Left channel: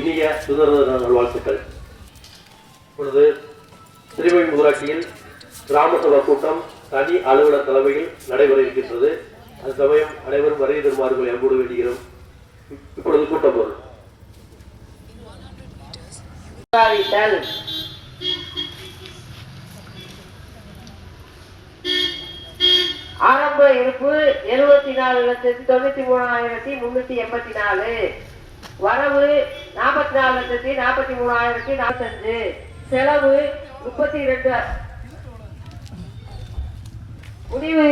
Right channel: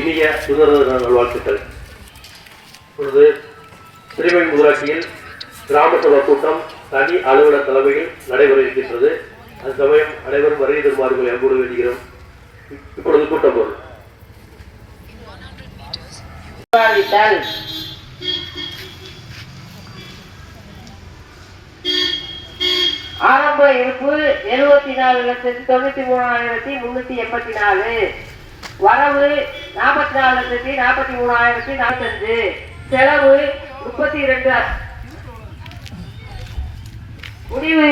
இனிய சுதந்திர நல்வாழ்த்துக்கள். இப்பொழுது திருவெண் ஊராட்சியில் கிராம சபை கூட்டம் தனி அலுவலர் தலைமையில் நடைபெற இருக்கின்றது. அது சமயம் அனைவரும் வருகை தருமாறுகளை அன்போடு வேண்டுகிறோம். இப்பொழுது கூட்டம் பொருள் ஆரம்ப இருப்பு 74,93,384, வரவு 44,43,045, செலவு 32. முடிவு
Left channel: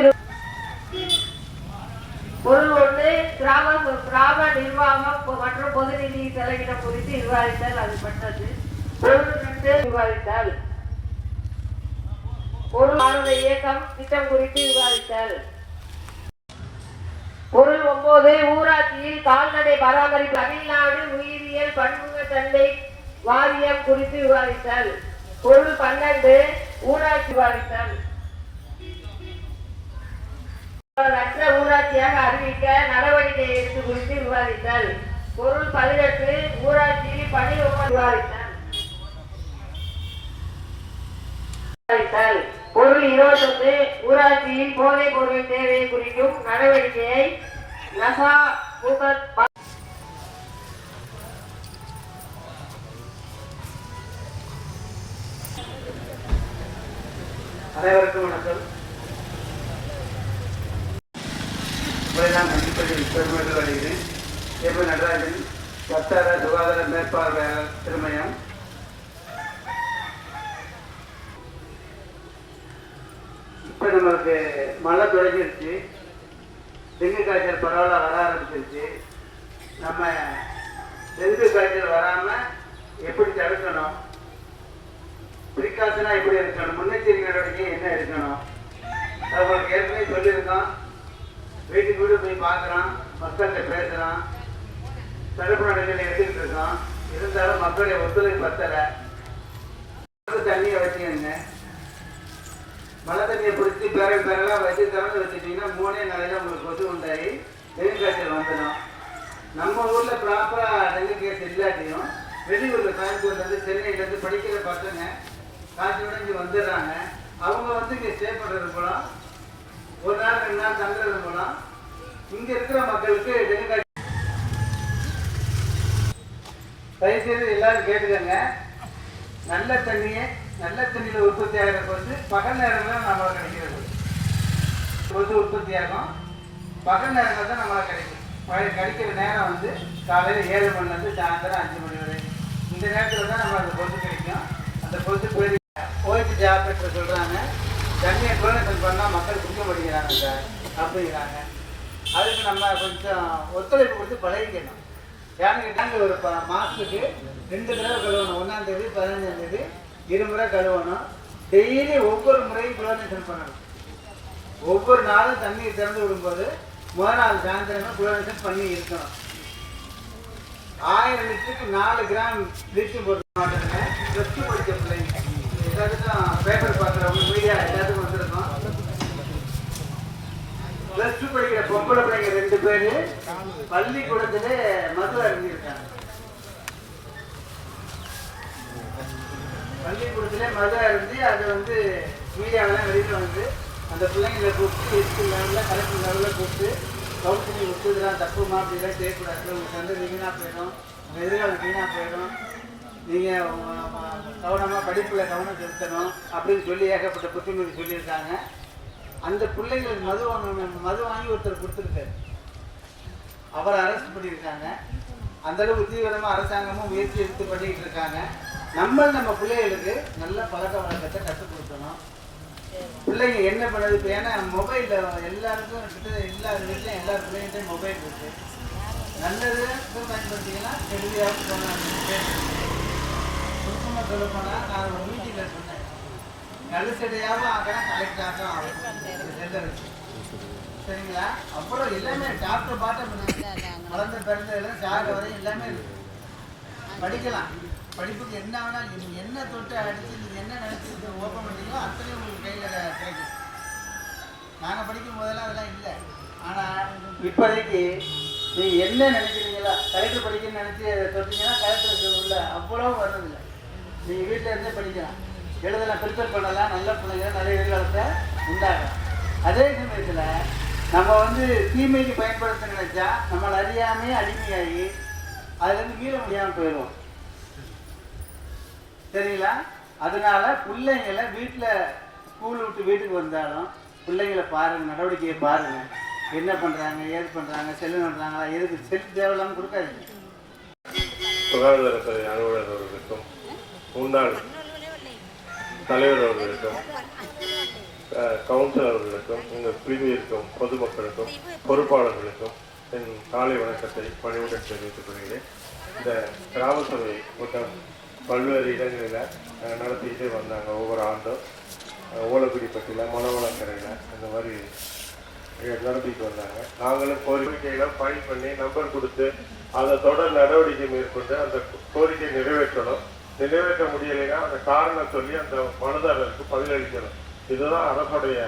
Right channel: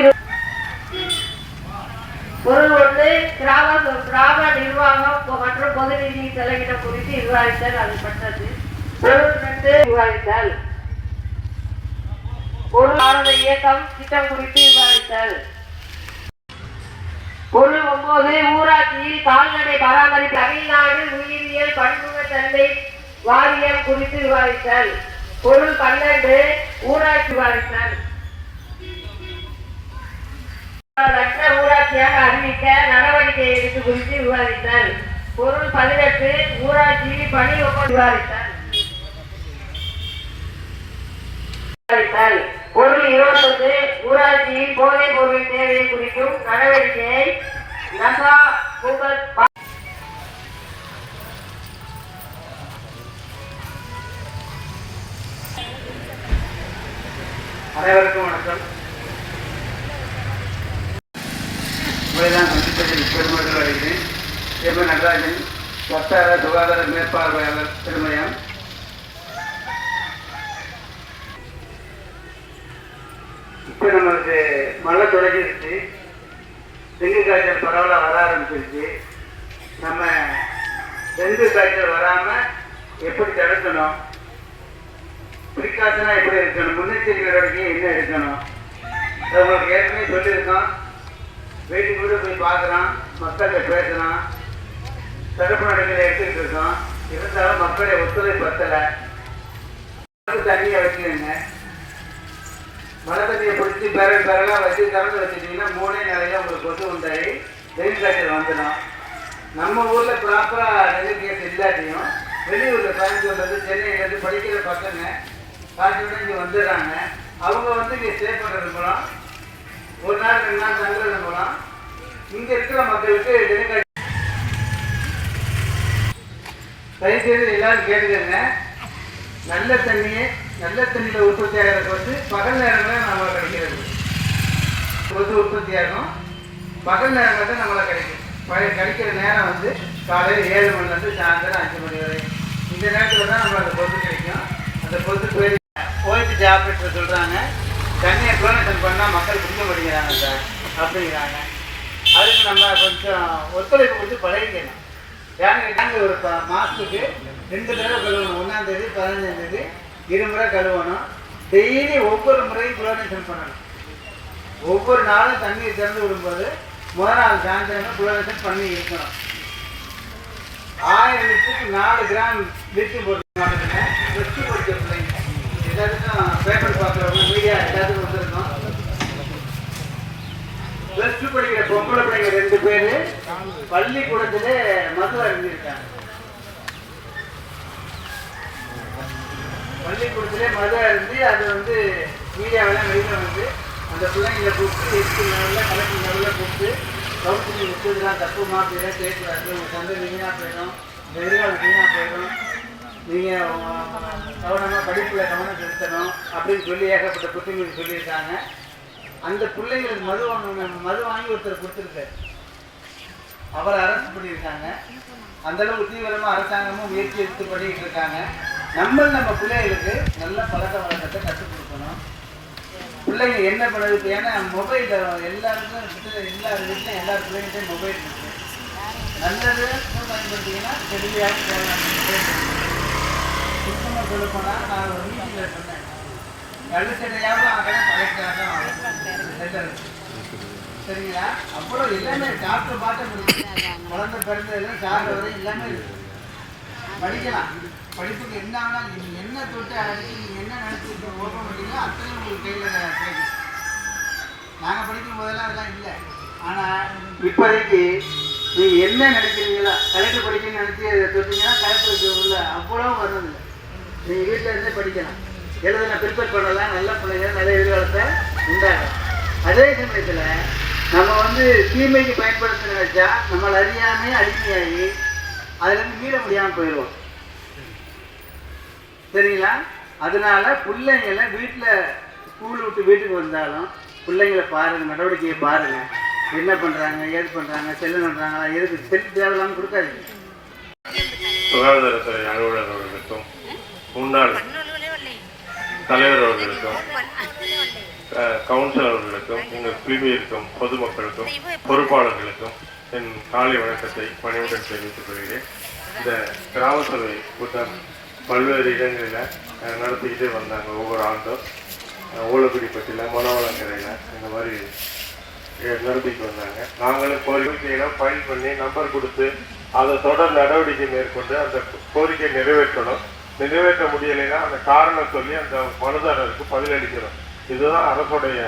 பொருள் 1 கிராம நிர்வாகம் மற்றும் பொது நிதி செலவினம் குறித்து விவாதித்தல். அது பட்டது. பொருள் 2 விவாதித்தல். பொருளாதார இயக்கம் திட்டம் குறித்து விவாதித்தல். பொருள் 9 ஊராட்சியில் கால்நடை பராமரிப்பு தமிழ்நாடு உயிரியல் பன்முகத்தன்மை வாரியம் குறித்து விவாதித்தல். பொருள் 12 ஊராட்சி விவாதித்தல். ஊராட்சியாக அறிவிக்க நடவடிக்கை எடுத்து குறித்து விவாதித்தல். பொருள் 18 ஊராட்சி பணி விவாதித்தல். பொருள் 21 ஊராட்சியில் போதைப் பொருள் தேவையை குறிக்கும் நடவடிக்கையை நசா அனைவருக்கும் வணக்கம். நடராஜன், வட்டார சுகாதார மேற்பார்வையாளர் திருமயம். இப்போ நமக்கு மழை தொடங்கிருச்சு, டெங்கு காய்ச்சல் பரவலாக வர ஆரம்பிச்சிருச்சு. நம்ம டெங்கு காய்ச்சல் வராமல் எப்படி தடுக்கணும், ப்ரிகாஷனாக எப்படி இருக்கணும், முன்னெச்சரிக்கை நடவடிக்கை என்ன இருக்கணும், உங்களுக்கு ஏற்கனவே சொல்லியிருக்கோம். வீட்டுக்கு கூட போய் பார்க்குறோம், மக்கள்கிட்ட பேசுகிறோம், தடுப்பு நடவடிக்கை எடுத்துக்கிட்டு இருக்கோம். இருந்தாலும் மக்களுடைய ஒத்துழைப்பு பத்தலை. தண்ணியை வச்சுக்கோங்க. மழை தண்ணியை பிடிச்சி பிறகாக வச்சு திறந்து வச்சுட்டிங்கன்னா 3 நாளையில் உங்களுக்கு கொசு உண்டாகி டெங்கு காய்ச்சல் வந்துடும். நம்ம ஊரில் ப்ராப்பராக டெங்கு கேஸ் இல்லாட்டியும் வெளியூரில் கோயம்புத்தூர்லேருந்து சென்னையிலேருந்து படிக்கிற பசங்க காய்ச்சலோட இங்கே வந்துடுறாங்க. அவங்க வந்து இங்கே ஸ்டே பண்ணுறது மூலம் ஒரு நாள் 2 நாள் தங்குறது மூலம் இங்கே இருக்கிற மக்களுக்கு டெங்கு காய்ச்சல். தயவுசெய்து எல்லாரும் கேட்டுக்கங்க. நல்ல தண்ணியில் உற்பத்தி ஆகிறதுக்கு வந்து பகல் நேரங்களில் நம்மளை கிடைக்கிறது. கொசு உற்பத்தி ஆகும் பகல் நேரங்கள் தான் நம்மளை கிடைக்கும். கிடைக்கிற நேரம் வந்து காலையில் 7 மணிலேருந்து சாயந்தரம் 5 மணி வரை. இந்த நேரத்தில் தான் நம்ம அந்த கொசு கிடைக்கும். அந்த கொசு பேர் ஓய்ச்சி ஆப்ரேட்டர் சொல்கிறாங்க, தண்ணியை குளோனேஷன் பண்ணால் மக்கள் குடிக்க மாட்டேங்கிறாங்க சார் அப்படிங்கிறாங்க. அதுக்கு நம்ம கொஞ்சம் ஒத்துழைப்பு கொடுத்து பழகிக்கணும். ஏன்னா ஒரு மாதத்துக்கு 2 தடவை கழுவணும். 1ஆம் தேதி 15ஆம் தேதி 2 முறை கழுவணும். டெய்லி ஒவ்வொரு முறையும் குளோனேஷன் பண்ணணும். ஒவ்வொரு நாளும் தண்ணியை திறந்து விடும்போது முதல் நாள் சாயந்தரமே குளோனேஷன் பண்ணி இருக்கணும். 1000 லிட்டருக்கு 4 கிராம் லிட்டர் போட்டு மாட்டுங்க. ப்ளஸ் 2 படிக்க பிள்ளைங்க எல்லாத்துக்கும் பேப்பர் பார்க்குறவங்க மீடியா எல்லாத்துக்கும் வந்திருக்கோம். ப்ளஸ் 2 படிக்கிற பொம்பளை பிள்ளைங்க 2 பேர் பள்ளிக்கூடத்தில் மது அருந்திருக்காங்க. பள்ளிக்கூடத்திலே மது அருந்தி அது வந்து மீடியாவெல்லாம் வெளியில் வந்து அந்த பிள்ளைங்களை கூப்பிட்டு 8 லெவலில் கலெக்டர் லெவலில் கூப்பிட்டு கவுன்சிலிங் விட்டு இதெல்லாம் தப்பு மாப்பிலாம் செய்யக்கூடாது, உங்களுக்கு வந்து வீணாக போயிடும், இந்த எதிர்காலம் வீணாக போயிடும், நீங்கள் கவனமாக படிப்பில் கவனம் செலுத்தணும் அப்படின்னு சொல்லி ஏகப்பட்ட புத்திமொழி சொல்லியிருக்காங்க. அந்த பிள்ளைங்களுக்கு மது வாங்கி ஒருத்தர் கொடுத்துருக்காரு, அவரை அரெஸ்ட் பண்ணியிருக்காங்க. அந்தளவுக்கு தீவிரமாக அரசாங்கமும் முயற்சி எடுத்து பண்ணிக்கிட்டு இருக்காங்க. நம்ம பிள்ளைகளுக்கு நல்ல பழக்க வழக்கத்தை கற்றுக் கொடுக்கணும். பிள்ளைங்க என்ன பண்ணுறது இப்போ, ஏன்னா மொபைலில் எல்லாருக்கும் எல்லா வீட்லையும் எல்லா பிள்ளைங்கள்டையும் மொபைல் இருக்குது. நல்லது பயன்படுத்திங்கன்னா தெளிவாக போகலாம். சுத்தமாக சொல்ல போனால் நான் ஒரு மீட்டிங்கில் சொன்னேன், கழுச்சடையாகவும் ஆகலாம் கலெக்டாகவும் ஆகும் செல்லருக்கு. சரிங்களா? அப்புறம் எல்லாமே டாக்டர் பார்த்த முடியும். குழந்தை பிறந்ததுல சாக வரை எல்லாமே இருக்குது. படிக்கலாம். படிப்புக்கு என்ன ஆனால் நீங்கள் என்ன தொட்டு அழைச்சி நீங்கள் என்ன நினச்சிட்டு ஓப்பன் பண்ணிங்களோ அத்தனை உங்களுக்கு கையில் கிடைக்கும். நாங்கள் படிக்கும் போதெல்லாம் அதெல்லாம் இல்லை. ஆனால் இப்போதைக்கு நீ என்ன நினைக்கிறீங்களா, கலெக்டர் படிக்கணும்னு நினச்சி அதை தொட்டிங்கன்னா கலெக்டருக்கு உள்ள அவ்வளோ வர்றதில்லை. நீங்கள் வீட்டில் இருந்தே படிக்கலாம், எழுதுன ப்ரிப்பேர் பண்ணலாம், நல்ல பிள்ளைங்க நல்ல எதிர்காலத்தை உண்டாகும். அதே சமயத்தில் நம்ம தீமைக்கு பயன்படுத்த நினைச்சா நம்மளை அறியாமே அடிமையாகி அதுலேருந்து மீற முடியாமல் போயிடுவோம். சரிங்களா? அதனால பிள்ளைங்களை வீட்டில் ஸ்கூல் விட்டு வீட்டுக்கு வந்தாலும் பிள்ளைங்களை பாருங்கள், நடவடிக்கையை பாருங்கள், என்ன பண்ணுறாங்க, ஏது பண்ணுறாங்க, செல்லு பண்ணுறாங்களா, எதுக்கு செல் தேவையில்லாமல் கொடுக்காதீங்க. சுகாதாரத்துறை அலுவலர் அவர்களுக்கும் முன்னாள் தலைவர் அவர்களுக்கும் கவுன்சிலர் அவர்களுக்கும் எங்கள் பிரிவிற்கும் பொதுமக்களுக்கும் பொறுப்பாளர்களுக்கும் என் காலை வணக்கத்தை பணிவுடன் தெரிவித்துக் கொள்கிறேன். இந்த கிராம சபை கூட்டம் பல்வேறு இடங்களில் நடத்திக்கிட்டே வந்தாங்க. ஒவ்வொரு ஆண்டும் ஓலக்குடிப்பட்டியில், மணவளக்கரையில் இந்த மாதிரி நடத்திட்டு வந்தாங்க. நாங்களும் கோரிக்கைகளை ஃபைல் பண்ணி நம்பர் கொடுத்து அதை தொடர் நடவடிக்கை மேற்கொண்டு அந்த கோரிக்கை நிறைவேற்றணும். நிறைவேற்ற முடியலைன்னா அந்த காரணம் சொல்லி அந்த மனுதாரருக்கு பதிலளிக்கணும். இதுதான் அரசுடைய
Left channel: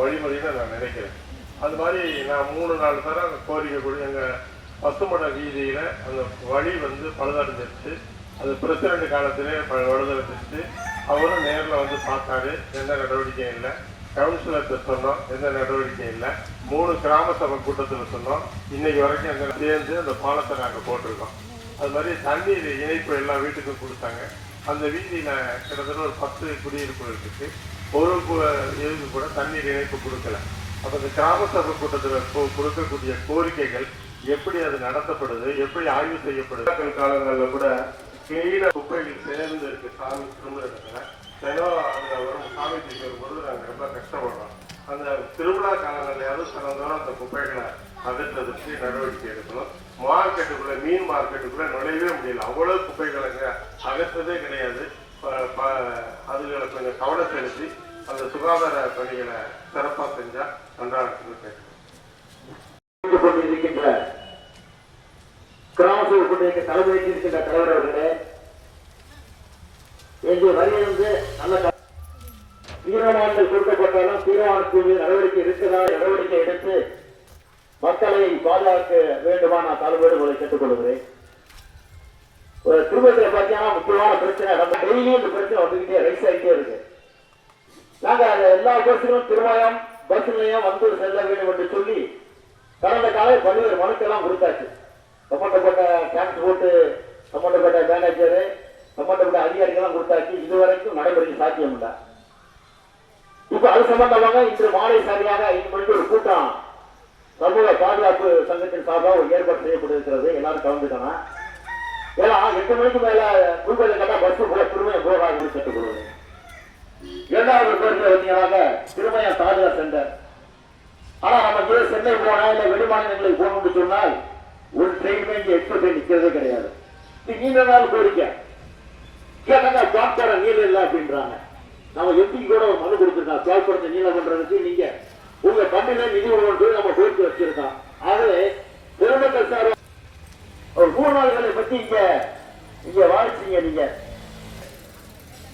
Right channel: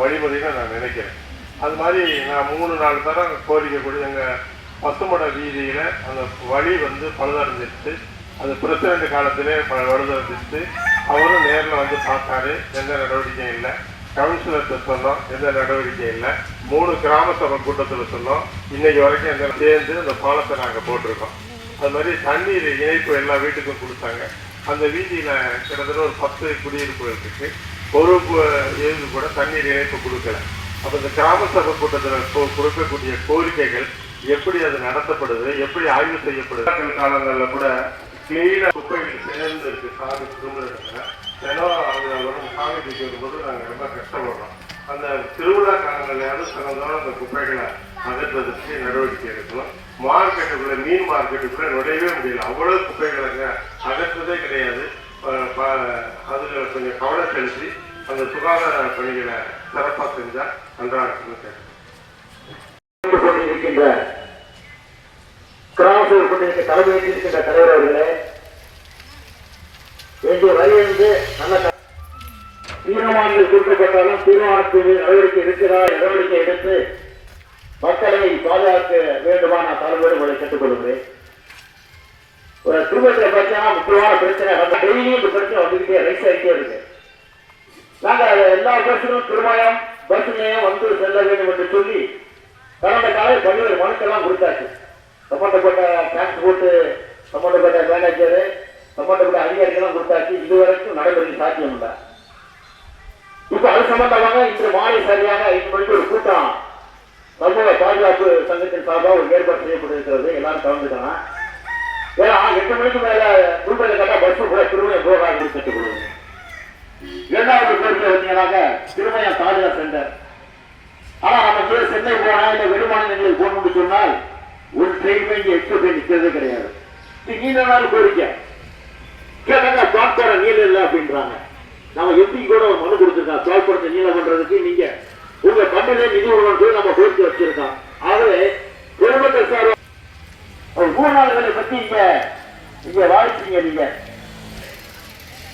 வழிமுறைன்னு நான் நினைக்கிறேன். அது மாதிரி நான் 3-4 தரம் அந்த கோரிக்கை கூட எங்கள் பசுமட வீதியில் அந்த வழி பழுதடைஞ்சிருச்சு. அது பிரசிடண்ட் காலத்திலே பழுதடைஞ்சிருச்சு. அவரும் நேரில் பார்த்தாரு, எந்த நடவடிக்கையும் இல்லை. கவுன்சிலர்கிட்ட சொன்னோம், எந்த நடவடிக்கையும் இல்லை. 3 கிராம சபை கூட்டத்தில் சொன்னோம். இன்னைக்கு வரைக்கும் எந்த சேர்ந்து அந்த பாலத்தை நாங்கள் போட்டிருக்கோம். அது மாதிரி தண்ணீர் இணைப்பு எல்லா வீட்டுக்கும் கொடுத்தாங்க. அந்த வீதியில் கிட்டத்தட்ட ஒரு 10 குடியிருப்புகள் இருக்கு. ஒரு இது கூட தண்ணீர் இணைப்பு கொடுக்கல. அப்போ இந்த கிராம சபை கூட்டத்தில் கொடுக்கக்கூடிய கோரிக்கைகள் எப்படி அது நடத்தப்படுது, எப்படி ஆய்வு செய்யப்படுது. காலங்களில் கூட கிளீனாக குப்பைகள் சேர்ந்து இருக்கு. சாமி திரும்புறதுல தினம் அவங்க சாமி பிடிக்கிறது போது நாங்கள் ரொம்ப கஷ்டப்படுறோம். அந்த திருவிழா காலங்களையாவது சிறந்தாலும் அந்த குப்பைகளை அகற்றுவதற்கு நடவடிக்கை எடுக்கணும். மார்க்கெட்டுக்குள்ள, மீன் மார்க்கெட்டுக்குள்ள நுழையவே முடியல, அவ்வளோ குப்பைகளை அகற்றுவதே கிடையாது. அதில் கொஞ்சம் கவனம் செலுத்தி அந்த சுகாதார பணிகளை சிறப்பாக செஞ்சால் நன்றாக இருக்கின்ற கிராமத்தில் கொண்டிருக்க தலைமையிருக்கின்ற தலைவர் அவர்களே, எங்கே வரையிலிருந்து நல்ல தீர்மானங்கள் கொடுக்கப்பட்டாலும் தீர்மானத்தில் நடவடிக்கை இருக்கிறார், நடவடிக்கை எடுத்து மக்களை பாதுகாக்க வேண்டுமா நான் தலைவர்கள் உங்களை கேட்டுக்கொள்கிறேன். ஒரு திருமணத்தில் பார்த்தீங்கன்னா முக்கியமான பிரச்சனை டெய்லியும் இந்த பிரச்சனை வந்துக்கிட்டே ரைஸ் ஆகிட்டே இருக்கு. நாங்கள் எல்லா பஸ்ஸும் திருமணம் பஸ் நிலையம் செல்ல வேண்டும் என்று சொல்லி கடந்த காலையில் பல்வேறு மனுக்கெல்லாம் கொடுத்தாச்சு. சம்பந்தப்பட்ட டிரான்ஸ்போர்ட், சம்பந்தப்பட்ட மேனேஜரு, சம்பந்தப்பட்ட அதிகாரிகள்லாம் கொடுத்தாச்சு. இதுவரைக்கும் நடைமுறைக்கு சாத்தியம் இல்லை. இப்போ அது சம்பந்தமாக இன்று மாலை சரியாக 5 மணிக்கு ஒரு கூட்டம் சமூக பாதுகாப்பு சங்கத்தின் சார்பாக ஒரு ஏற்பாடு செய்யப்பட்டிருக்கிறது. எல்லாரும் கலந்துட்டாங்க. ஏன்னா 8 மணிக்கு மேல குழுக்களை கேட்டால் பஸ் கூட திருமணம் போகாது கற்றுக்கொள்ளுங்க. 2வது பேருக்கு வந்தீங்கன்னாக்க திருமயம் தாலுகா சென்டர். ஆனா நம்ம சென்னை போனா இல்லை வெளிமாநிலங்களுக்கு போகணும்னு சொன்னால் ஒரு ட்ரெயினுமே இங்கே எக்ஸ்பிரஸ் ட்ரெயின் நிற்கிறதே கிடையாது. நீண்ட நாள் கோரிக்கை கேட்டாங்க, பிளாட்பாரம் நீளம் இல்லை அப்படின்றாங்க. நம்ம எம்பி கூட ஒரு மனு கொடுத்துருக்கோம், பிளாட்பாரத்தை நீளம் பண்றதுக்கு நீங்க உங்க கம்பெனியில நிதி உருவாக்கு நம்ம கோரிக்கை வச்சிருக்கோம். ஆகவே பொதுமக்கள் சார் ஒரு 3 நாள்களை பத்தி இங்க வாடிச்சீங்க. நீங்க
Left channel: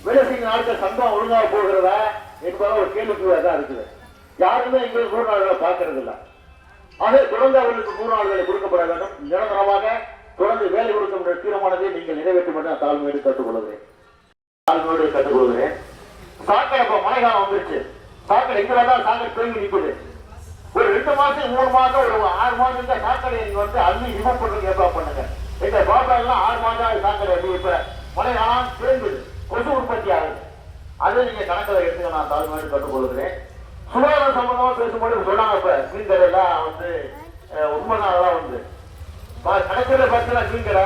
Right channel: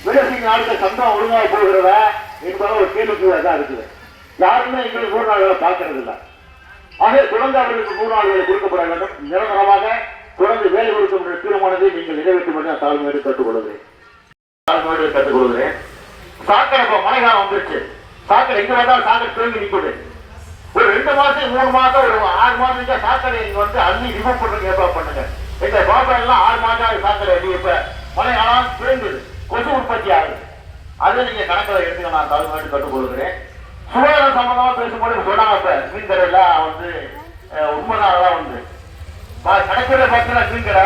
விவசாய நாளுக்கு சந்தம் ஒழுங்காக போகிறதா என்பதை ஒரு கேள்விக்குறியாக இருக்குது. யாருமே எங்களுக்கு 3 நாள்களை பார்க்கறது இல்லை. ஆக குழந்தை அவர்களுக்கு 3 நாள்களை கொடுக்கப்பட வேண்டும். நிரந்தரமாக குழந்தை வேலை கொடுக்கின்ற தீர்மானத்தை நீங்கள் நிறைவேற்றும் என்று நான் தாழ்மையோடு கற்றுக்கொள்கிறேன். சாக்கடை இப்போ மழைக்காலம் வந்துருச்சு. சாக்கடை எங்க வந்தாலும் சாக்கடை தேங்கி நிற்குது. ஒரு 2 மாசம் 3 மாசம் ஒரு 6 மாசம் சாக்கடை நீங்க அள்ளி ரிமூவ் பண்றதுக்கு ஏற்பாடு பண்ணுங்க. எங்க பாப்பா எல்லாம் 6 மாதம் சாக்கடை அள்ளி இப்ப மழைக்காலம் குறைந்தது, கொசு உற்பத்தி ஆகுது. அதை நீங்க கணக்கில் எடுத்து நான் தாழ்மையோடு கற்றுக்கொள்கிறேன். சுகாதாரம் சம்பந்தமா பேசும்போது சொன்னாங்க, இப்ப மீன் கடையெல்லாம் உண்மைதான் கணக்கில் பார்த்தா மீன் கடை,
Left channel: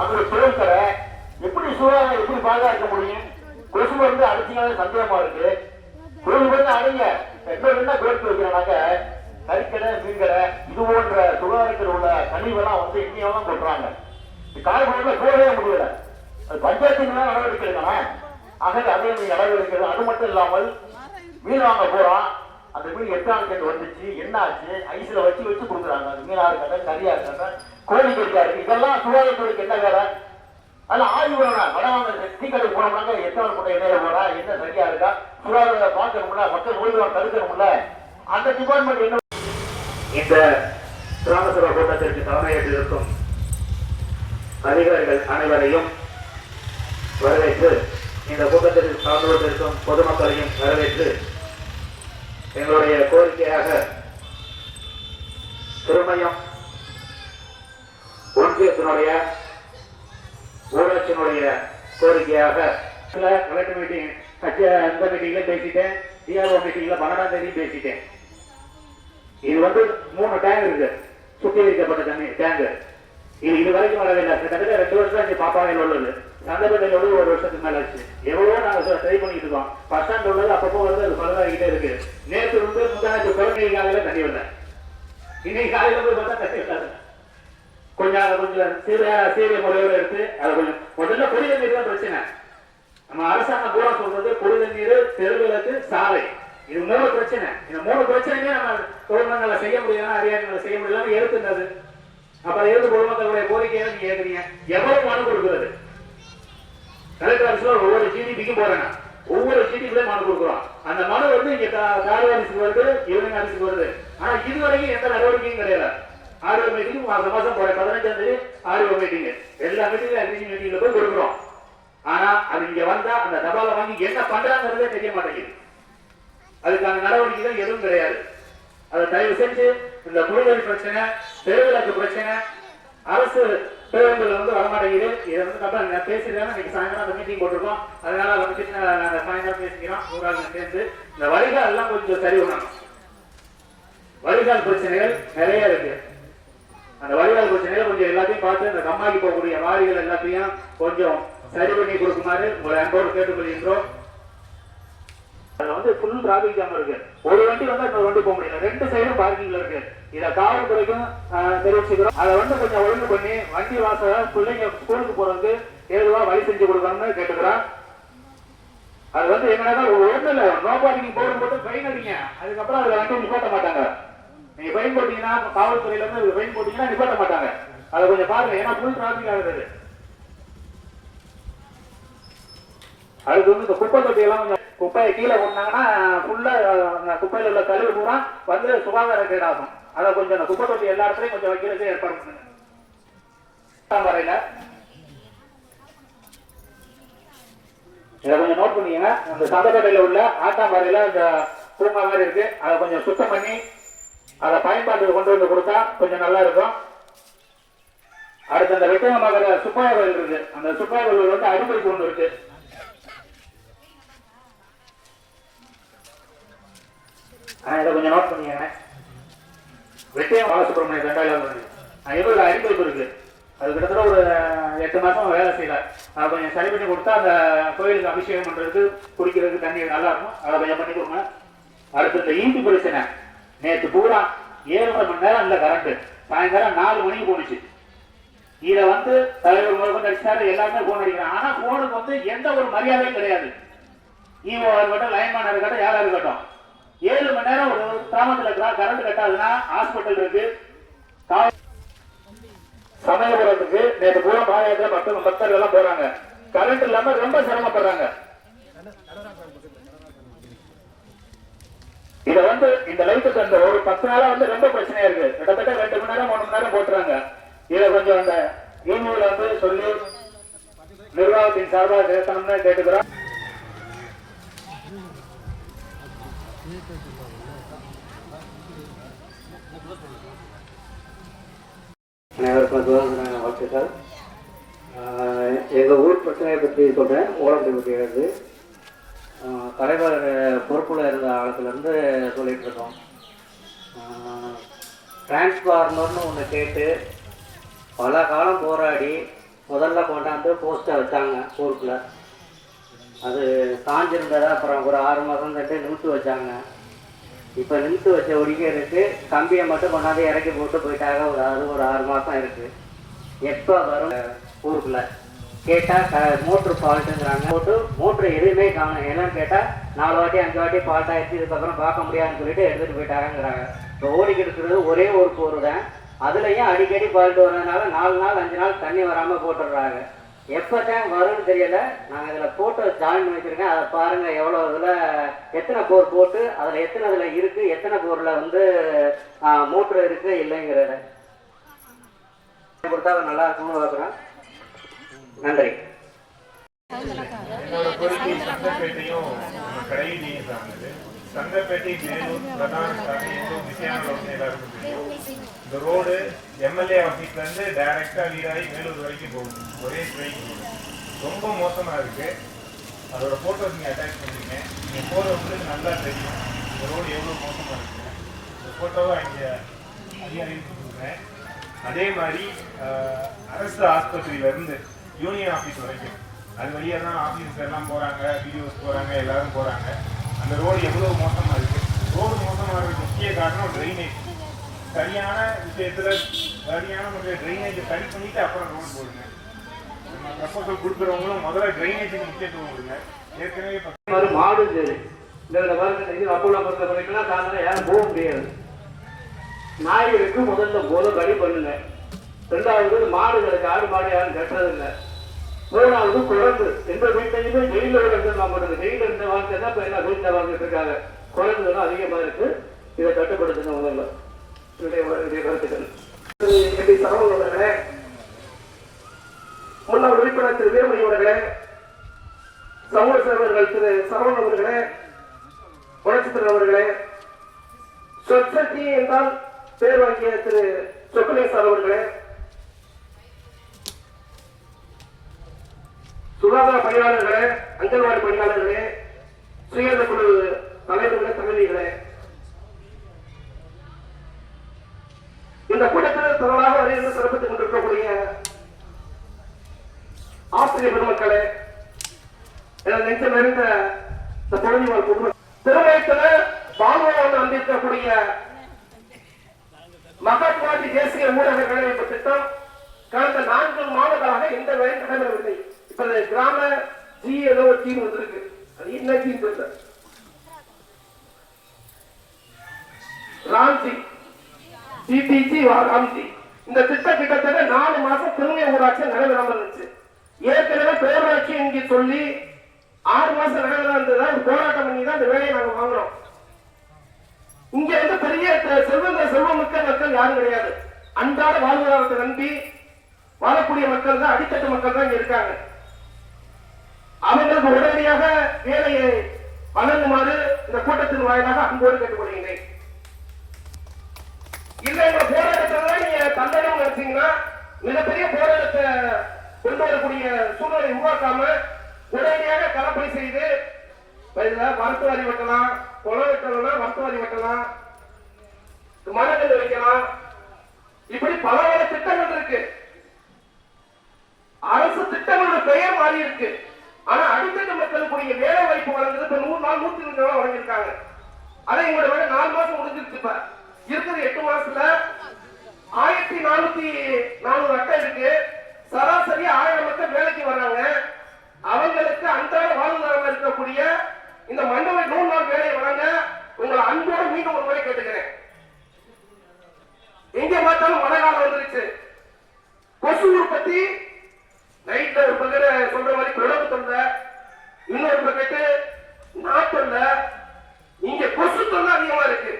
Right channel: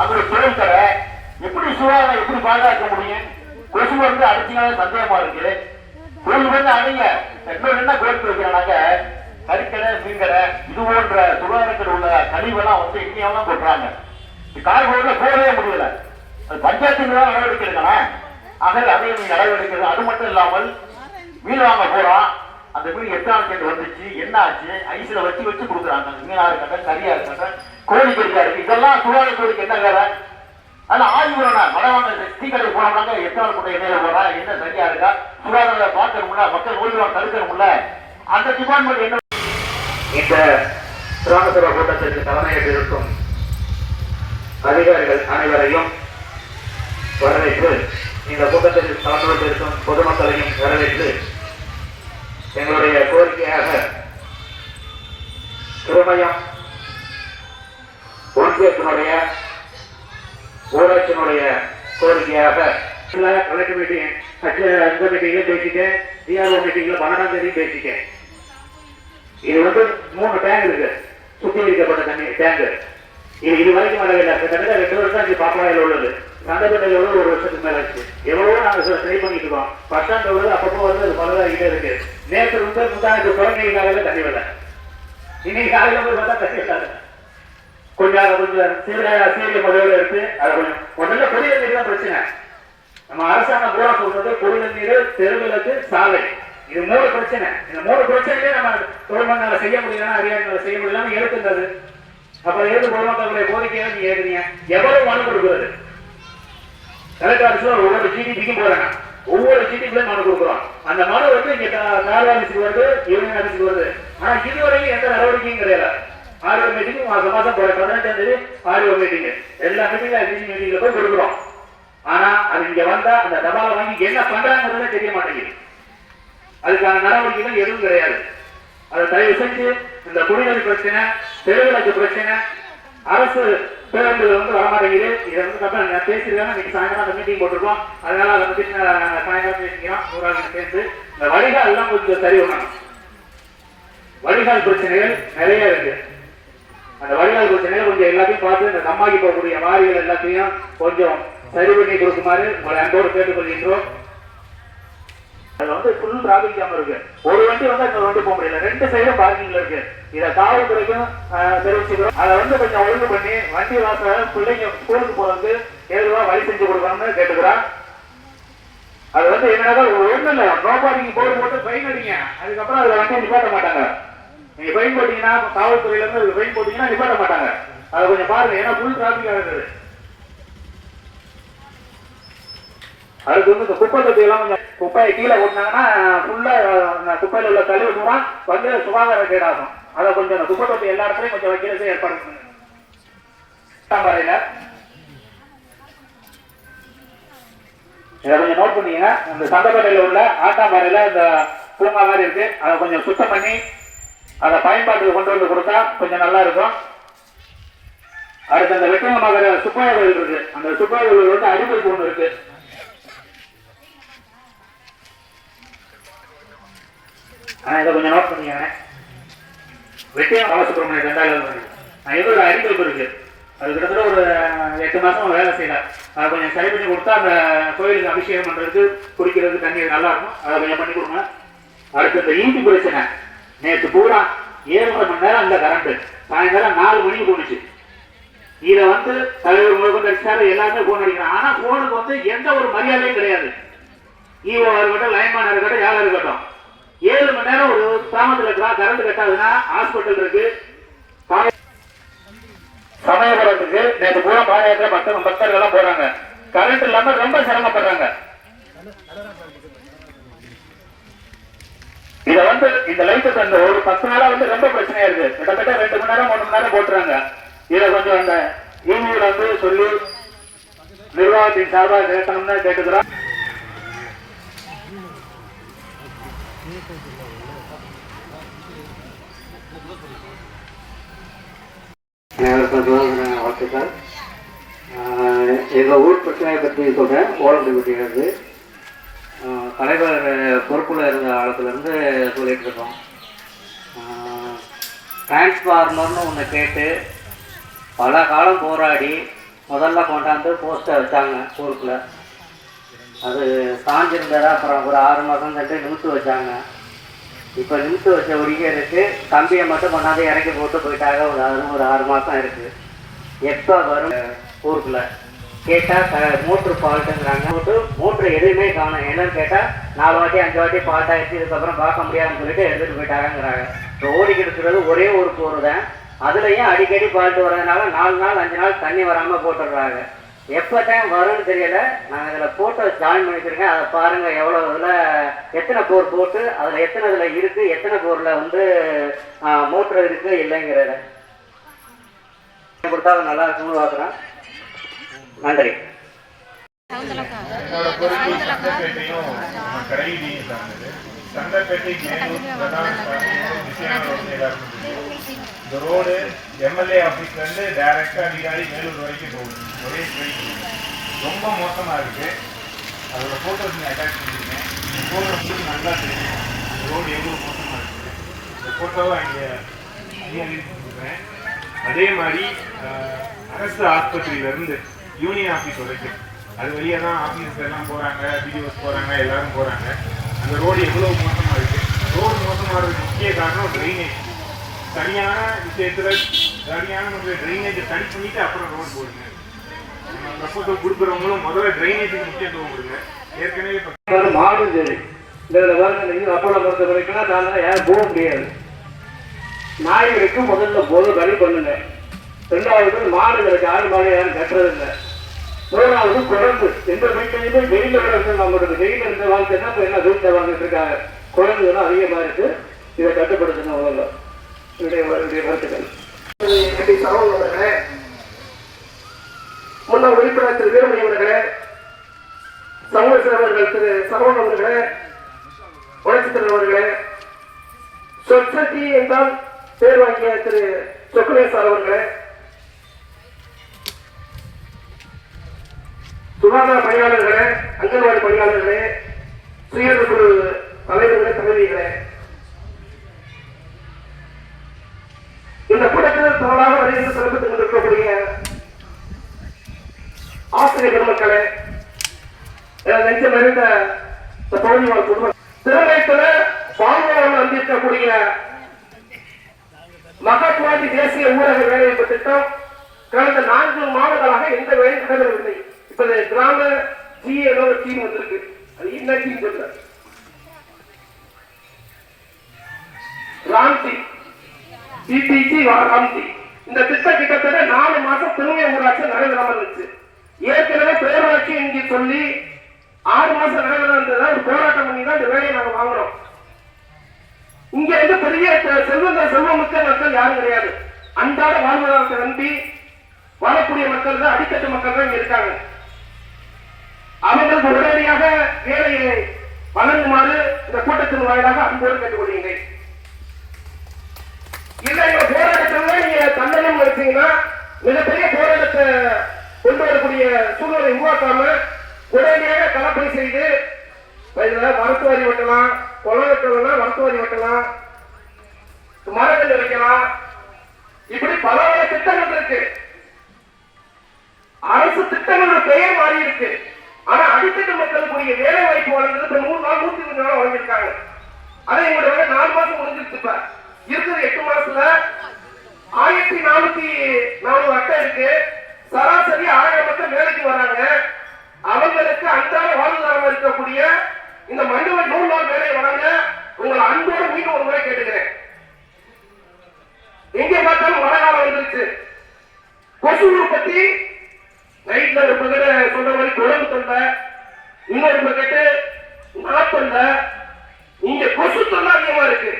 அப்புறம் தொழில் கடை, எப்படி சுகாதாரம் எப்படி பாதுகாக்க முடியும்? கொசு அடிச்சுனாலும் சந்தேகமா இருக்கு. தொழில் அடைங்க இன்னொரு என்ன கோரிக்கை வைக்கிறாங்க, கறிக்கடை, மீன் கடை இது போன்ற சுகாதாரத்தில் உள்ள கழிவெல்லாம் இங்கேயெல்லாம் கொட்டுறாங்க. காரைக்குடியில போகவே முடியல. பஞ்சாயத்து நடவடிக்கை எடுக்கலாம். ஆக அதையும் நீங்க நடவடிக்கை. அது மட்டும் இல்லாமல் மீன் வாங்க போறோம், அந்த மீன் எத்தனாவது கேட்டு வந்துச்சு, என்ன ஆச்சு, ஐஸ்ல வச்சு கொடுக்குறாங்க. அந்த மீனா இருக்கட்டும், கறியா இருக்கட்டும், கோழி கறியா இருக்கு, இதெல்லாம் சுகாதாரத்துறைக்கு என்ன வேலை? அதெல்லாம் ஆய்வு வரணும். மனவாங்க டீ கடை போனோம்னாங்க எத்தனை கூட எண்ணெயில போறா, என்ன சரியா இருக்கா, சுகாதார பார்க்கணும்ல, மக்கள் நோய்களை தடுக்கணும்ல, அந்த டிபார்ட்மெண்ட் என்ன இந்த கிராம சபை கூட்டத்திற்கு தலைமையேற்றிருக்கும் அதிகாரிகள் அனைவரையும் வரவேற்று இந்த கூட்டத்தில் கலந்து கொண்டிருக்கும் பொதுமக்களையும் வரவேற்று எங்களுடைய கோரிக்கையாக திருமயம் ஒன்றியத்தினுடைய ஊராட்சியினுடைய கோரிக்கையாக கலெக்டர் மீட்டிங் அந்த மீட்டிங்ல பேசிட்டேன், டிஆர்ஓ மீட்டிங்ல 12ஆம் தேதி பேசிட்டேன். இது 3 டேங்க் இருக்கு, சுத்திகரிக்கப்பட்ட தண்ணி டேங்க். இது வரைக்கும் வரவில்லை. கிட்டத்தட்ட 2 வருஷம் இது பாப்பானையில் உள்ளது. சந்தப்பட்டையில் உள்ளது 1 வருஷத்துக்கு மேல ஆச்சு. எவ்வளவோ நாங்கள் ட்ரை பண்ணிட்டு இருக்கோம். ஃபர்ஸ்ட் ஸ்டாண்ட் உள்ளது அப்பப்போ அது பலதாகிட்டே இருக்கு. நேற்று முந்தாண்டு குழந்தை காலையில தண்ணி வரல, இன்னைக்கு காலையில போய் பார்த்தா தண்ணி வராது. கொஞ்சம் சீரிய முறையோடு எடுத்து அதை கொஞ்சம் முதல்ல குடிநீர் நீர் தான் பிரச்சனை. நம்ம அரசாங்கம் பூரா சொல்றது குடிநீர் நீர், தெருவிளக்கு, சாலை, இது 3 பிரச்சனை. இந்த 3 பிரச்சனையே நம்ம தொழில்மங்களை செய்ய முடியலன்னா அதிகாரிகளை செய்ய முடியலன்னு எடுத்துன்றது. அப்புறம் எது பொதுமக்களுடைய கோரிக்கையை நீங்க ஏற்கிறீங்க? எவ்வளவு மனு கொடுக்குறது? கலெக்டர் ஆஃபீஸ்ல ஒவ்வொரு ஜிடிபிக்கும் போறாங்க, ஒவ்வொரு ஜிடிபிலையும் மனு கொடுக்குறோம். அந்த மனு இங்க தார் ஆஃபீஸுக்கு வருது, யூனியன் ஆஃபீஸுக்கு வருது. ஆனா இதுவரைக்கும் எந்த நடவடிக்கையும் கிடையாது. ஆர்ஓ மீட்டிங் மாசம் போற 15ஆம் தேதி ஆர்ஓ மீட்டிங், எல்லா மீட்டிங்ல போய் கொடுக்குறோம். ஆனா அது இங்க வந்தா அந்த தபாலை வாங்கி என்ன பண்றாங்கிறதே தெரிய மாட்டேங்குது. அதுக்கான நடவடிக்கைகள் எதுவும் கிடையாது. அதை தயவு செஞ்சு இந்த குடிநீர் பிரச்சனை, தெருவிளக்கு பிரச்சனை, அரசு பேருந்துகள் வரமாட்டேங்குது. இதை நான் பேசிருக்கேன். இன்னைக்கு சாயங்காலம் அந்த மீட்டிங் போட்டிருக்கோம். அதனால அதை பத்தி சாயங்காலம் பேசிக்கிறோம். ஊராட்சி சேர்ந்து இந்த வடிகால் எல்லாம் கொஞ்சம் சரி பண்ணணும். வடிகால் பிரச்சனைகள் நிறைய இருக்கு. அந்த வடிகால் பிரச்சனைகள் கொஞ்சம் எல்லாத்தையும் பார்த்து இந்த கம்மாக்கி போகக்கூடிய வாரிகள் எல்லாத்தையும் கொஞ்சம் சரி பண்ணி கொடுக்குமாறு உங்களை அன்போடு கேட்டுக்கொள்கின்றோம். அது ஃபுல் டிராபிக் ஜாம் இருக்கு. ஒரு வண்டி இன்னொரு வண்டி போக முடியல. 2 சைடும் பார்க்கிங்ல இருக்கு. இதை காவல்துறைக்கும் தெரிவிச்சுக்கிறோம். அதை கொஞ்சம் ஒழுங்கு பண்ணி வண்டி வாசல் பிள்ளைங்க ஸ்கூலுக்கு போறதுக்கு ஏதுவா வழி செஞ்சு கொடுக்கணும்னு கேட்டுக்கிறோம். அது என்னன்னா ஒண்ணு இல்ல, நோ பார்க்கிங் போர்டு போட்டு ஃபைன் அடிங்க. அதுக்கப்புறம் அதுல வண்டி நிப்பாட்ட மாட்டாங்க. நீங்க ஃபைன் போட்டீங்கன்னா காவல்துறையில இருந்து ஃபைன் போட்டீங்கன்னா நிப்பாட்ட மாட்டாங்க. அதை கொஞ்சம் பாருங்க, ஏன்னா ஃபுல் டிராபிக் ஆகுது. அதுக்கு இந்த குப்பை தொட்டி எல்லாம் கொஞ்சம் குப்பையை கீழே கொட்டினாங்கன்னா ஃபுல்லா குப்பையில உள்ள கழிவு பூரா சுகாதார கேடாகும். அதை கொஞ்சம் அந்த குப்பை தொட்டி எல்லா இடத்துலையும் கொஞ்சம் வைக்கிறதுக்கு ஏற்பாடு பண்ணுங்க. வரையில இதை கொஞ்சம் நோட் பண்ணீங்க. அந்த சந்தப்பேட்டையில உள்ள ஆட்டாம்பாறையில இந்த பூங்கா மாதிரி இருக்கு, அதை கொஞ்சம் சுத்தம் பண்ணி அதை பயன்பாட்டுக்கு கொண்டு வந்து கொடுத்தா கொஞ்சம் நல்லா இருக்கும். அடுத்து அந்த வெட்டங்கமாக சுப்பாய கோயில் இருக்கு. அந்த சுப்பாய கோயில் அடிப்படை ஒன்று இருக்கு. இதை கொஞ்சம் நோட் பண்ணிங்க. வெட்டியம் பாலசுப்ரமணிய 2000 அடிப்பைப்பு இருக்கு. அது கிட்டத்தட்ட ஒரு 8 மாசம் வேலை செய்யல. அதை கொஞ்சம் சரி பண்ணி கொடுத்தா அந்த கோயிலுக்கு அபிஷேகம் பண்றதுக்கு குடிக்கிறதுக்கு தண்ணி நல்லா இருக்கும். அதை கொஞ்சம் பண்ணி கொடுங்க. அடுத்து இந்த ஈபி பிரச்சனை, நேற்று பூரா 7 மணி நேரம் அந்த கரண்ட் சாயந்தரம் 4 மணிக்கு போனுச்சு. இதை தலைவர் முதல் அடிச்சாரு, எல்லாருமே போன் அடிக்கிறாங்க. ஆனா போனுக்கு எந்த ஒரு மரியாதையும் கிடையாது. ஈஓ இருக்கட்டும், லைன்மேன் இருக்கட்டும், யாரா இருக்கட்டும், 7 மணி நேரம் ஒரு கிராமத்துல கரண்ட் கட்டாதுன்னா ஹாஸ்பிட்டல் இருக்கு, சமயபுரம் இருக்கு. நேற்று பூரா பாயாத்திர பக்தர்கள் எல்லாம் போறாங்க. கரண்ட் இல்லாம ரொம்ப சிரமப்படுறாங்க. இத இந்த லைட் ஒரு 10 நாளா ரொம்ப பிரச்சனையா இருக்கு. கிட்டத்தட்ட 2 மணி நேரம் 3 மணி நேரம் போட்டுறாங்க. இதை கொஞ்சம் அந்த யூனியன்ல சொல்லி நிர்வாகத்தின் சார்பாக கேட்கணும்னு கேட்டுக்கிறோம். வாழ்த்துக்கள். எங்கள் ஊர் பிரச்சனையை பற்றி சொல்கிறேன். ஓலப்பட்டியிலிருந்து தலைவர் பொறுப்பில் இருந்த காலத்துலேருந்து சொல்லிகிட்டு இருக்கோம். டிரான்ஸ்ஃபார்மர்னு ஒன்று கேட்டு பல காலம் போராடி முதல்ல கொண்டாந்து போஸ்ட்டை வச்சாங்க ஊருக்குள்ள. அது சாஞ்சிருந்ததா அப்புறம் ஒரு 6 மாதம் தட்டு நிமித்து வச்சாங்க. இப்போ நிமித்து வச்ச ஒடிக்கிறதுக்கு கம்பியை மட்டும் கொண்டாந்து இறக்கி போட்டு போயிட்டாங்க. ஒரு 6 மாதம் இருக்குது. எப்போ வரும் ஊருக்குள்ள கேட்டால் மோட்ரு ஃபால்ட்டுங்கிறாங்க. மோட்ரு எதுவுமே காணும். என்னன்னு கேட்டால் 4 வாட்டி 5 வாட்டி ஃபால்ட் ஆகிடுச்சு, இதுக்கப்புறம் பார்க்க முடியாதுன்னு சொல்லிட்டு எடுத்துகிட்டு போயிட்டாங்கிறாங்க. இப்போ ஓடிக்கிட்டு இருக்கிறது ஒரே ஒரு போர் தான். அதுலேயும் அடிக்கடி ஃபால்ட்டு வரதுனால 4 நாள் 5 நாள் தண்ணி வராமல் போட்டுடுறாங்க. எப்போ டைம் வரும்னு தெரியல. நாங்கள் இதில் ஃபோட்டோ ஜாயின் பண்ணி வச்சுருக்கேன். அதை பாருங்கள் எவ்வளோ இதில் எத்தனை போர் போட்டு அதில் எத்தனை இதில் இருக்குது, எத்தனை போரில் வந்து மோட்ரு இருக்குது இல்லைங்கிறத கொடுத்தா நல்லா இருக்கும்னு பார்க்குறேன். நன்றி. என்னோட பொறுப்பு சந்தைப்பேட்டையும் கடைவீதியும் சார்ந்தது. சந்தைப்பேட்டை எல்லாருக்கும் இந்த ரோடு எம்எல்ஏ ஆஃபீஸ்லேருந்து டைரெக்டாக லீடாகி மேலூர் வரைக்கும் போகுது. ஒரே ஸ்ட்ரைட் ரொம்ப மோசமாக இருக்குது. அதோட ஃபோட்டோஸ் நீங்கள் அட்டாச் பண்ணியிருக்கேன். இந்த ஃபோட்டோஸ் நல்லா தெரியும் இந்த ரோடு எவ்வளோ மோசமாக இருக்குது. இந்த ஃபோட்டோவை இங்கே அதிகாரிக்கு கொடுக்குறேன். அதே மாதிரி அரசு ஆஸ்பத்திரியிலேருந்து யூனியன் ஆஃபீஸ் வரைக்கும் அது வழியாக தான் ஆஃபீஸஸ் எல்லாம் போகிறாங்க, பிடிஓஸ் போகிறாங்க, எல்லாரும் போகிறாங்க. அந்த ரோடு எவ்வளோ மோசமாக இருக்குது. ரோடு மோசமாகிறதுக்கு முக்கிய காரணம் ட்ரைனேஜ். சரியான விஷயத்தில் சரியான முறையில் ட்ரைனேஜை சரி பண்ணிவிட்டு அப்புறம் ரோடு போடுங்க. நம்ம ப்ரப்போசல் கொடுக்குறவங்களும் முதல்ல ட்ரைனேஜுக்கு முக்கியத்துவம் கொடுங்க. ஏற்கனவே மாடும் சரி இதில் பாருங்க, அப்பளம் பொறுத்த வரைக்கும் தாங்க யாரும் போக முடியாது. நாய்களுக்கு முதல்ல வழி பண்ணுங்க. ரெண்டாவது மாடுகளுக்கு ஆடு மாடு யாரும் கட்டுறதில்லை. மூணாவது குழம்பு. எந்த வீட்டையுமே ஜெயிலோட வந்து நம்மளோட ஜெயில இருந்த வாழ்க்கை தான் இப்போ என்ன வீட்டில் வாழ்ந்துட்டு இருக்காங்க. குழந்தைலாம் அதிகமாக இருக்கு. இதை கட்டுப்படுத்துங்க முதல்ல. என்னுடைய கருத்துக்கள். சகோதரர்களே, முன்னாள் உறுப்பினர் திரு வீரமணி அவர்களே, சமூக சேவர்கள் திரு சரவணன் அவர்களே, வளர்ச்சித்திறன் அவர்களே, சொசைட்டி என்றால் பேர் வாங்கிய திரு சொக்குலேசர் அவர்களே, சுகாதார பணியாளர்களே, அங்கன்வாடி பணியாளர்களே, சுயேட்சை குழு தலைவர்களே, தலைவிகளே, இந்த கூட்டத்தில் தவறாக வரைந்து சிறப்பித்துக் கொண்டிருக்கக்கூடிய ஆசிரியர் பெருமக்களே, நெஞ்சம் நிறைந்த பகுதி வாழ் குடும்பம், திருமயத்தில் பால்வளம் வந்திருக்கக்கூடிய மகாத்மாஜி தேசிய ஊரக வேலைவாய்ப்பு திட்டம் கடந்த 4 மாதங்களாக எந்த வேலையும் நடைபெறவில்லை. இப்ப கிராம ஜிஏ டீம் வந்திருக்கு. அது என்ன டீம் இல்ல, ராம்சி சிடிசி ராம்சி. இந்த திட்டம் கிட்டத்தட்ட 4 மாசம் திருமய ஊராட்சி நடைபெறாம இருந்துச்சு. ஏற்கனவே பேரூராட்சி இங்கே சொல்லி 6 மாசம் நடைபெறாம இருந்ததா ஒரு போராட்டம் பண்ணி தான் இந்த வேலையை நாங்க வாங்குறோம். இங்க வந்து பெரிய செல்வமிக்க மக்கள் யாரும் கிடையாது. அன்றாட வாழ்வாதாரத்தை நம்பி வாழக்கூடிய மக்கள் தான், அடித்தட்டு மக்கள் தான் இங்க இருக்காங்க. அவர்களுக்கு உடனடியாக வேலையை வழங்குமாறு இந்த கூட்டத்தின் வாயிலாக அன்போடு கேட்டுக்கொள்கிறேன். இல்ல இந்த போராட்டத்தில் நீங்க தண்டனம் வச்சீங்கன்னா மிகப்பெரிய போராட்டத்தை கொண்டு வரக்கூடிய சூழ்நிலை உருவாக்காம உடனடியாக கலப்பணி செய்து மருத்துவரி வெட்டலாம், குளம் வெட்டலாம், மருத்துவரி வெட்டலாம், மரங்கள் வைக்கலாம், இப்படி பல திட்டங்கள் இருக்கு. அரசு திட்டங்களோட பெயர் மாறி இருக்கு. ஆனா அடித்தட்டு மக்களுக்குரிய வேலை வாய்ப்பு வழங்குறது 100 நாள் 120 நாள் வழங்கியிருக்காங்க. அதை எங்களுடைய 4 மாசம் முடிஞ்சிருச்சு. இப்ப இருக்கிற 8 மாசத்துல 1404 அட்டை இருக்கு. சராசரி 1000 மக்கள் வேலைக்கு வர்றாங்க. அவங்களுக்கு அன்றாட வாழ்வாதாரம் இருக்கக்கூடிய இந்த மண்டல 100 நாள் வேலை வழங்க உங்களை அன்போடு மீண்டும் ஒரு முறை கேட்டுக்கிறேன். எங்க பார்த்தாலும் மழை காலம் வந்துருச்சு. கொசு உற்பத்தி நைட்ல ஒரு பக்கெட்டு சொல்ற மாதிரி குழம்பு தொண்டை, இன்னொரு பக்கெட்டு நாத்தொண்டை, இங்க கொசு தொண்டை அதிகமா இருக்கு.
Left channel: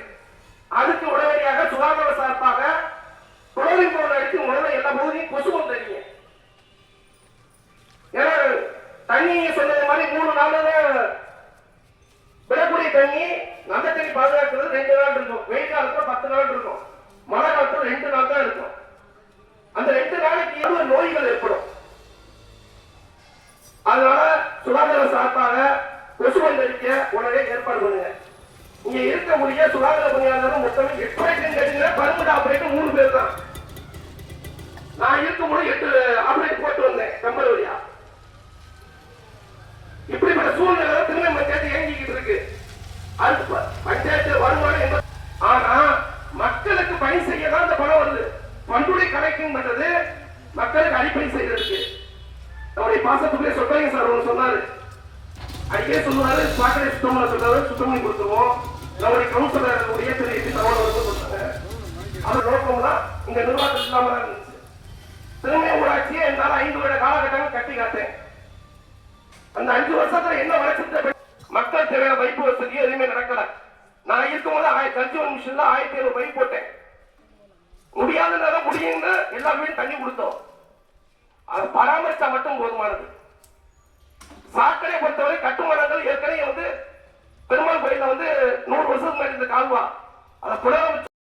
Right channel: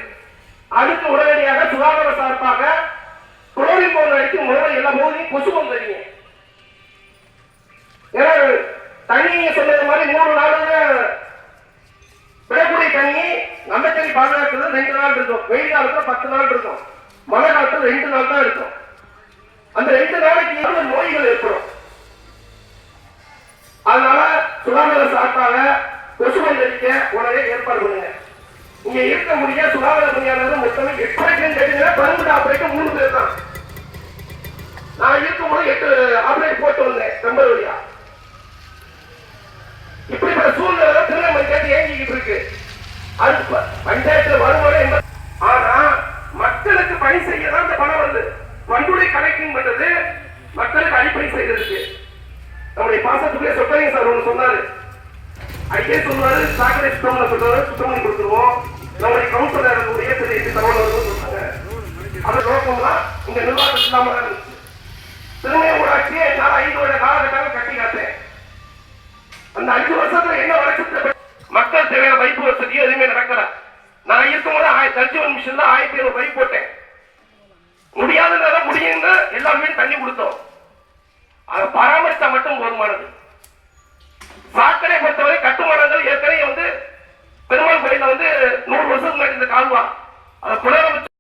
அதுக்கு உடனடியாக சுகாதார சார்பாக குளோரின் பவுடர் அடித்து முதல்ல எல்லா பகுதியும் கொசு வந்துறீங்க. ஏன்னா தண்ணி சொல்றது மாதிரி 3 நாள் விடக்கூடிய தண்ணி நம்ம தண்ணி பாதுகாக்கிறது 2 நாள் இருக்கும். வெயில் காலத்துல 10 நாள் இருக்கும். மழை காலத்துல 2 நாள் தான் இருக்கும். அந்த 2 நாளைக்கு நோய்கள் ஏற்படும். அதனால சுகாதார சார்பாக கொசு அடிக்க உடனே ஏற்பாடு பண்ணுங்க. இங்க இருக்க முடிய சுகாதார பணியாளர் மொத்தமே 8 கேட்டீங்கன்னா 12 ஆபரேஷன் 3 பேர் தான். நான் இருக்கும்போது 8 ஆபரேட் போட்டு வந்தேன் கம்பல் வழியா. இப்படிப்பட்ட சூழ்நிலை திருநெல்வேலி பஞ்சாயத்து இயங்கிக்கிட்டு இருக்கு. அது பஞ்சாயத்துல வருமானம் ஆனா மக்களுக்கு பணி செய்ய தான் இந்த பணம் வந்து பண்டுடைய கலெக்டிங் பண்றது மக்களுக்கு அடிப்படை செய்யறதுக்கு. நம்முடைய பாசத்துக்குள்ளே சொல்லாங்க சார் ஒன்று சொன்னாரு. அடியே சொன்னாரு சாக்கடை சுத்தம் சொல்றாரு, சுத்தம் பண்ணி கொடுத்துருவோம். நம்முடைய கவுன்சிலர் உயர்த்திய தகவல்கள் கொடுத்தாங்க. அந்த நோக்கம்லாம் இங்க நிர்வாகம் இல்லாம இருந்துச்சு. திருநெல்வேலி ஊராட்சியை என்னால 5 வருட காலகட்டங்கள் கட்டி காத்தேன். அந்த 5 வருஷத்துல என்ன வளர்ச்சி மக்கள் தேவையான பைப்பு வசதியும் எதுவுமே நடக்கல. நான் இருக்கும்போது தர்ஜுவல் மிஷின்ல 1700 பைப் போட்டேன். முடியாதுன்றத முடியுங்க எல்லாமே தண்ணி கொடுத்தோம். அதை பராமரித்தா மட்டும் போதுமானது. சாக்கடை பொறுத்தவரை கட்டுமானங்கள் ஏற்கனவே பெருமாள் கோயில 100 வருஷத்துக்கு முன்னாடி இந்த கால்வா அதை புனரமைச்சு